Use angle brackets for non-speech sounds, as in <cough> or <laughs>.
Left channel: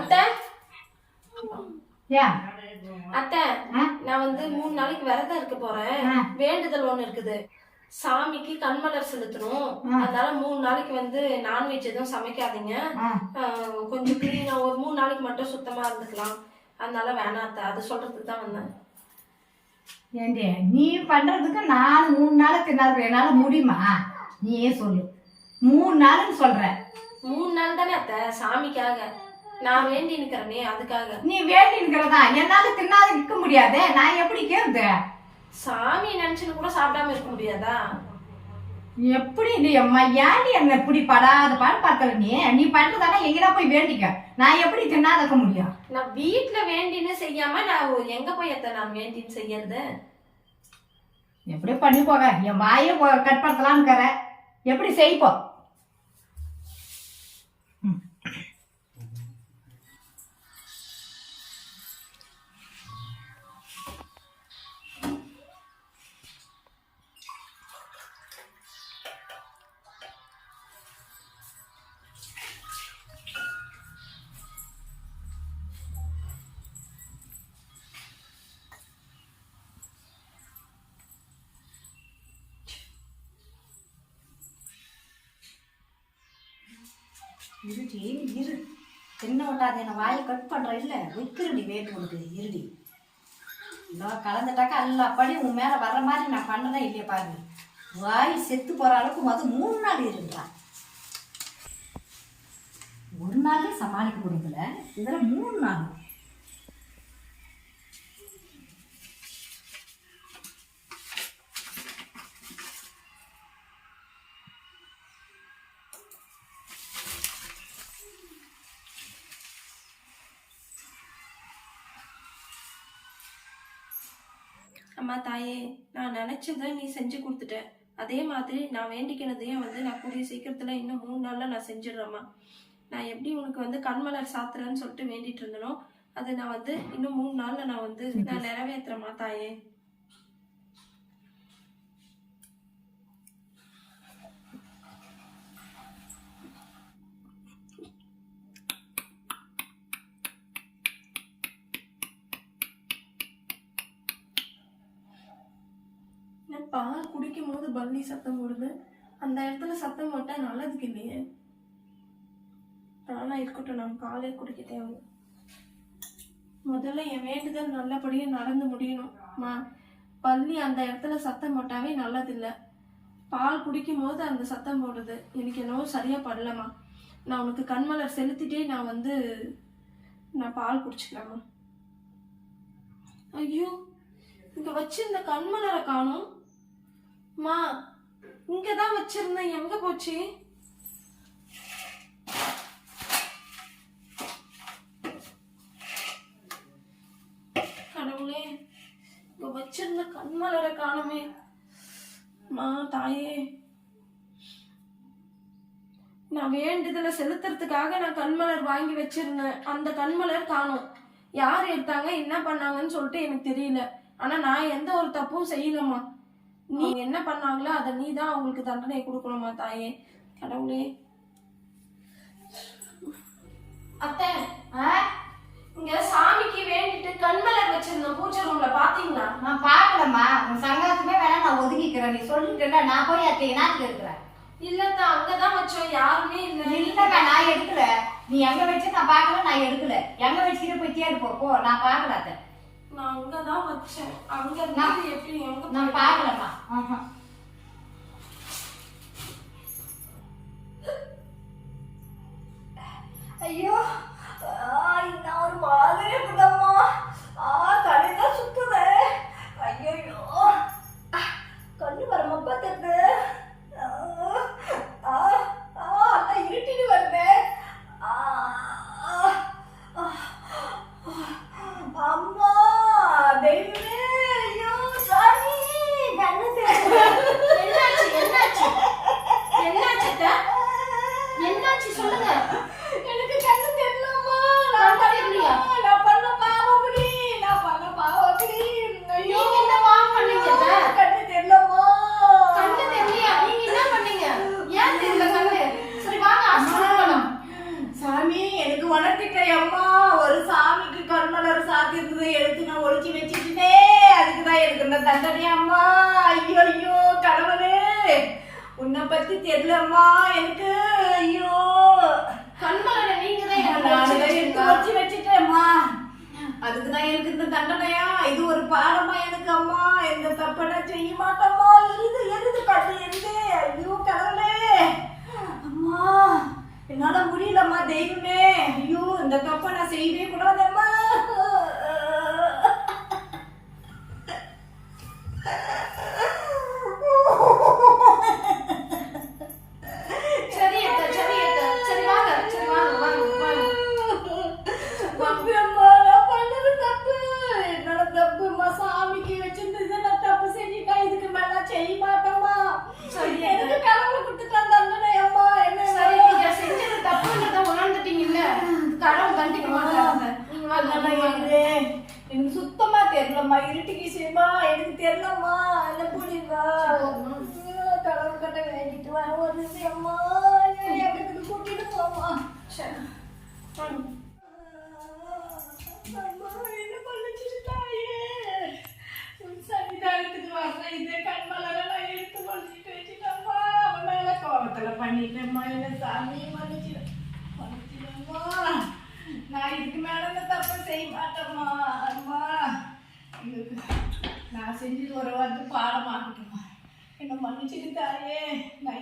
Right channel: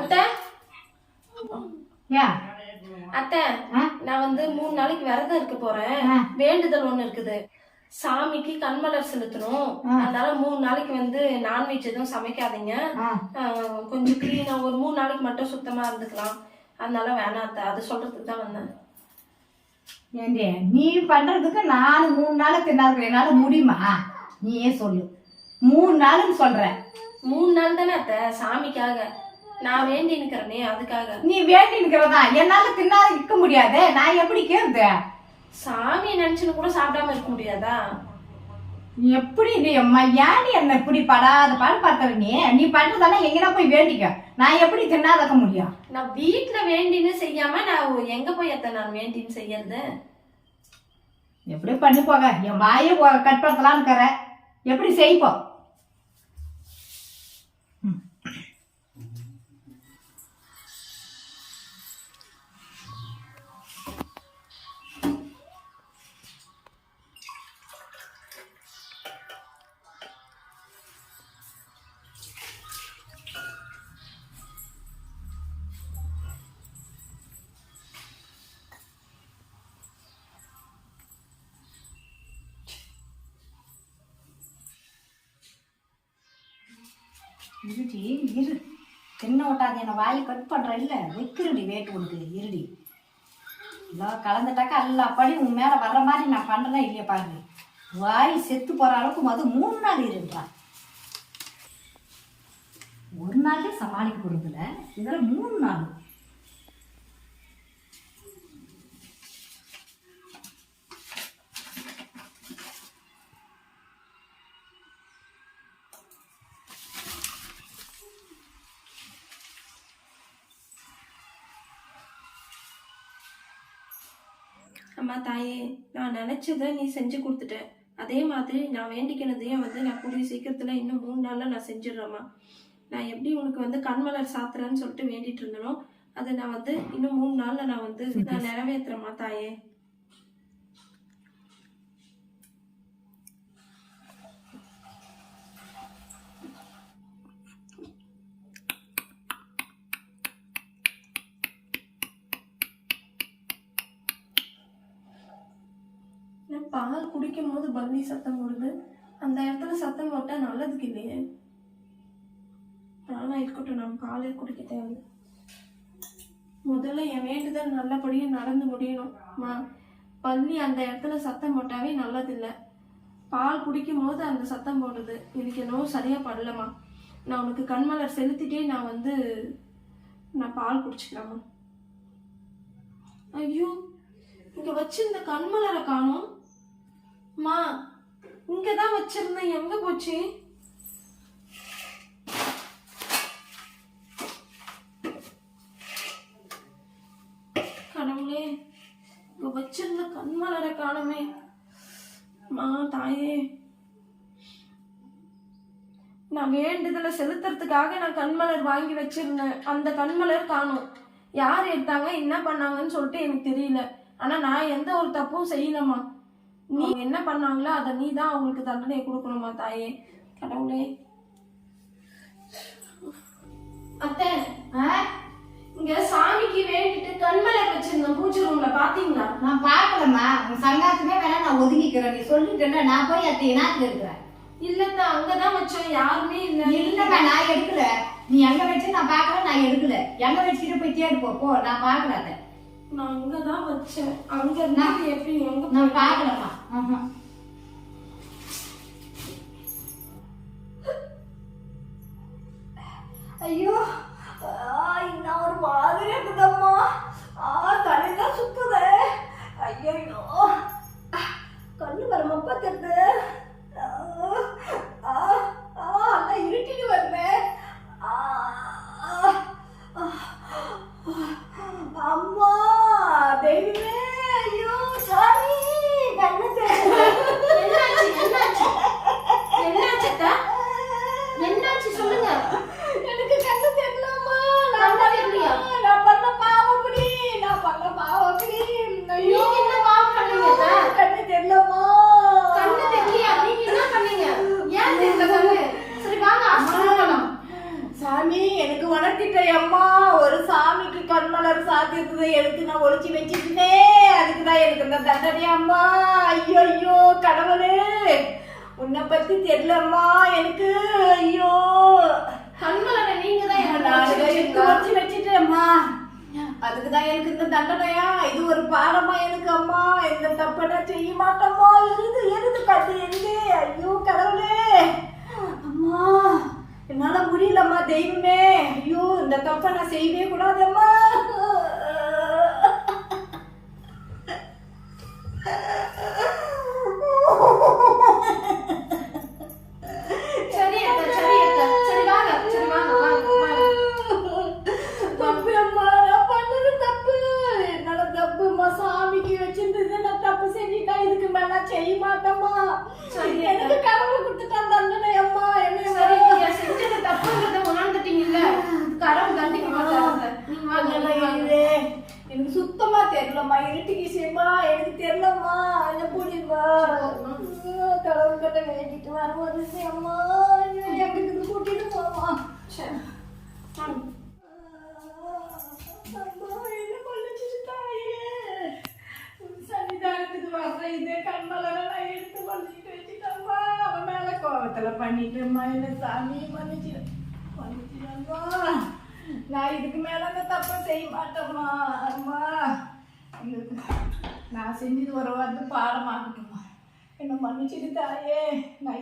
அத்தை? ஏன்? அத்தை? நான் வந்து மூணு நாளைக்கு விரதம் இருக்க போறேன். வேண்டுதல் ஒண்ணு இருக்குது. சாமிக்கு கண்மலர் செலுத்தணும். அதனால மூணு நாளைக்கு வந்து நான்வெஜ் எதுவும் சமைக்காதீங்க. கொஞ்சம் கிளீனா ஒரு மூணு நாளைக்கு மட்டும் சுத்தமா இருந்துக்கலாம். அதனால வேணாம் அத்தை. அது சொல்றதுக்கு தான் வந்தேன். ஏண்டி நீ பண்றதுக்கு நான் மூணு நாள் தின்னாது என்னால முடியுமா? நீயே சொல்லு. மூணு நாளுன்னு சொல்ற. மூணு நாள் தானே அத்தை? சாமிக்காக. நான் வேண்டி நிக்கிறேனே அதுக்காக. நீ வேண்டி இருக்கிறதா என்னால தின்னாத நிக்க முடியாதே. நான் எப்படி கேக்குது சாமி நினைச்சுன்னு கூட சாப்பிடாம இருக்க முடியாதா? எப்படி நீ அம்மா ஏன்டி என்ன இப்படி படாத பாடு பார்க்கற நீ? நீ பண்றதெல்லாம் எங்கடா போய் வேண்டிக்க. நான் எப்படி தின்னாதக்க முடியும்? நான் வீட்ல வேண்டின்னு செய்யாம நான் எங்க போய் அத்தை நான் வேண்டின்னு செய்யறது? எப்படி பண்ணி போக? என் வாயை ஒ- கட்படுத்தலாம்னு இருக்கிற எப்படி செய்ப்போ? இருடி இரு. தின்ன விட்டாது என்னை வாயை கட் பண்ற இல்ல. வைக்கிறடி வேட்டு உனக்கு. இருடி. இதோ கலந்துட்டாக்கா எல்லா படி உன் மேல வர்ற மாதிரி நான் பண்ணனா இல்லையா பாரு. வாய் செத்து போற அளவுக்கு மது மூணு நாள் இருன்றா ஒரு நாளே சமாளிக்க கொடுக்கல இதில் மூணு நாள். அம்மா தாயே நான் நினைச்சதை நீ செஞ்சு கொடுத்துட்ட. அதே மாதிரி நான் வேண்டிக்கினதையும் வந்து நான் கூடிய சீக்கிரத்துல இன்னும் மூணு நாள்ல நான் செஞ்சிடுறேம்மா. நான் எப்படி உனக்கு வந்து கண்மலர் சாத்துறேன்னு சொல்லிட்டு வேண்டிட்டு இருந்தனோ அதை நான் வந்து இன்னும் மூணு நாள்ல நான் வந்து நான் <laughs> நிறைவேற்றுறேம்மா தாயே நான் பால் போது பல்லி சத்தம் போடுது. அந்த இடத்துல சத்தம் போட்டா நல்லதுக்கு இல்லையே. ஆனா இருக்கட்டும் நான் பாலே குடிக்க தேவை முதல்ல என் வேண்டுதல் நல்லபடியா நடந்து முடியணும்மா பல்லி அந்த இடத்துல சத்தம் போட்டாவே நல்லதில்லை. பால் குடிக்கும் போது அந்த சத்தம் போடுது. எனக்கு என்னவோ சரியா படலம்மா. நான் உனக்கு கண்மலர் செலுத்திட்டே நான் வந்து நான் பால் குடிச்சுக்கிறேம்மா ஐயோ இங்க இந்த கண்மலரை காணோம். மா இங்கே தான் வச்சிருந்தேன். எங்க போச்சு? கடவுளே இங்க வச்சிருந்த கண்மலரை காணுமே. மா தாயே. நான் வேண்டுதலை செலுத்துறதுக்காக நான் கண்மலர் வாங்கி வச்சிருந்தேன். அந்த கண்மலர் காணும். யார் எடுத்தாங்க என்ன பண்ணாங்கன்னு சொல்லிட்டு எனக்கு தெரியல. ஆனா நான் எந்த ஒரு தப்பும் செய்யலம்மா. நீ என்ன பண்ணாங்களோ அதை நீ தான் அவங்களுக்கு தண்டனை கொடுக்கணுமா தாயே? கடவுளே. அத்தை ஆ? இங்க சாமிக்கு வேண்டிட்டு கண்மலர் வச்சிருந்தோம் பூஜை ரூம்ல பாத்தீங்களா? நான் பார்க்கலம்மா. உன் சங்காத்துமே வேணா நான் ஒதுங்கிக்கிறேன் நீ சொல்லிட்டேன்னா நான் போய் அத்தை நாட்டுல இருக்கிறேன்? இல்லத்த அங்கதான் வச்சோம் யாருமே இல்ல. இல்லம்மா நான் எடுக்கல. நீ எங்க வச்சு நான் பார்க்கல நான் எடுக்கல. எங்க வச்சுட்டு போய் தேடு போ நான் பார்க்கல அதை நான் அங்கதான் வச்சேன். அங்க இருந்து எப்படி எங்க நான் பார்க்கலம்மா ஆஹா. ஐயோ இந்த ஒரு மாதிரி இருக்குதம்மா. ஆ தலையெல்லாம் சுத்துதே. ஐயோ கண்ணு வர மப்பா தெரியுது இருந்ததை எடுத்து நான் ஒழிச்சு வச்சுட்டேனே அதுக்கு தான் எனக்கு இந்த தண்டனை அம்மா ஐயோ ஐயோ கடவுளே உன்னை பத்தி தெரியலம்மா எனக்கு ஐயோ. கண்மலரை நீங்க தான் நான் எடுத்து. ஒழிச்சு வச்சுட்டேம்மா. அதுக்கு தான் எனக்கு இந்த தண்டனையா? இது ஒரு பாடமா எனக்கு அம்மா? இந்த தப்பை நான் செய்ய மாட்டோமா? எருது எருது கட்டு எருது ஐயோ கடவுளே அம்மா என்னால முடியலம்மா தெய்வமே. ஐயோ இந்த தப்பை நான் செய்யவே கூடாதம்மா தெரியலம்மா இருட்டுக்கு செய்யுமா எனக்கு தெரியலம்மா என்ன புரியுமா கடவுள் கட்ட வேண்டிட்டு வர ஒரு அம்மா எனக்கு கூட்டிட்டு போமா வாங்க. என்ன இதே நான் சாமி நான் இதுக்கு மேல இந்த தப்பை செய்ய மாட்டேம்மா. அம்மா நான் செஞ்சது ஒரு வந்து பாடமாகட்டுமா என்ன மன்னிச்சிட்டு தாயே நான்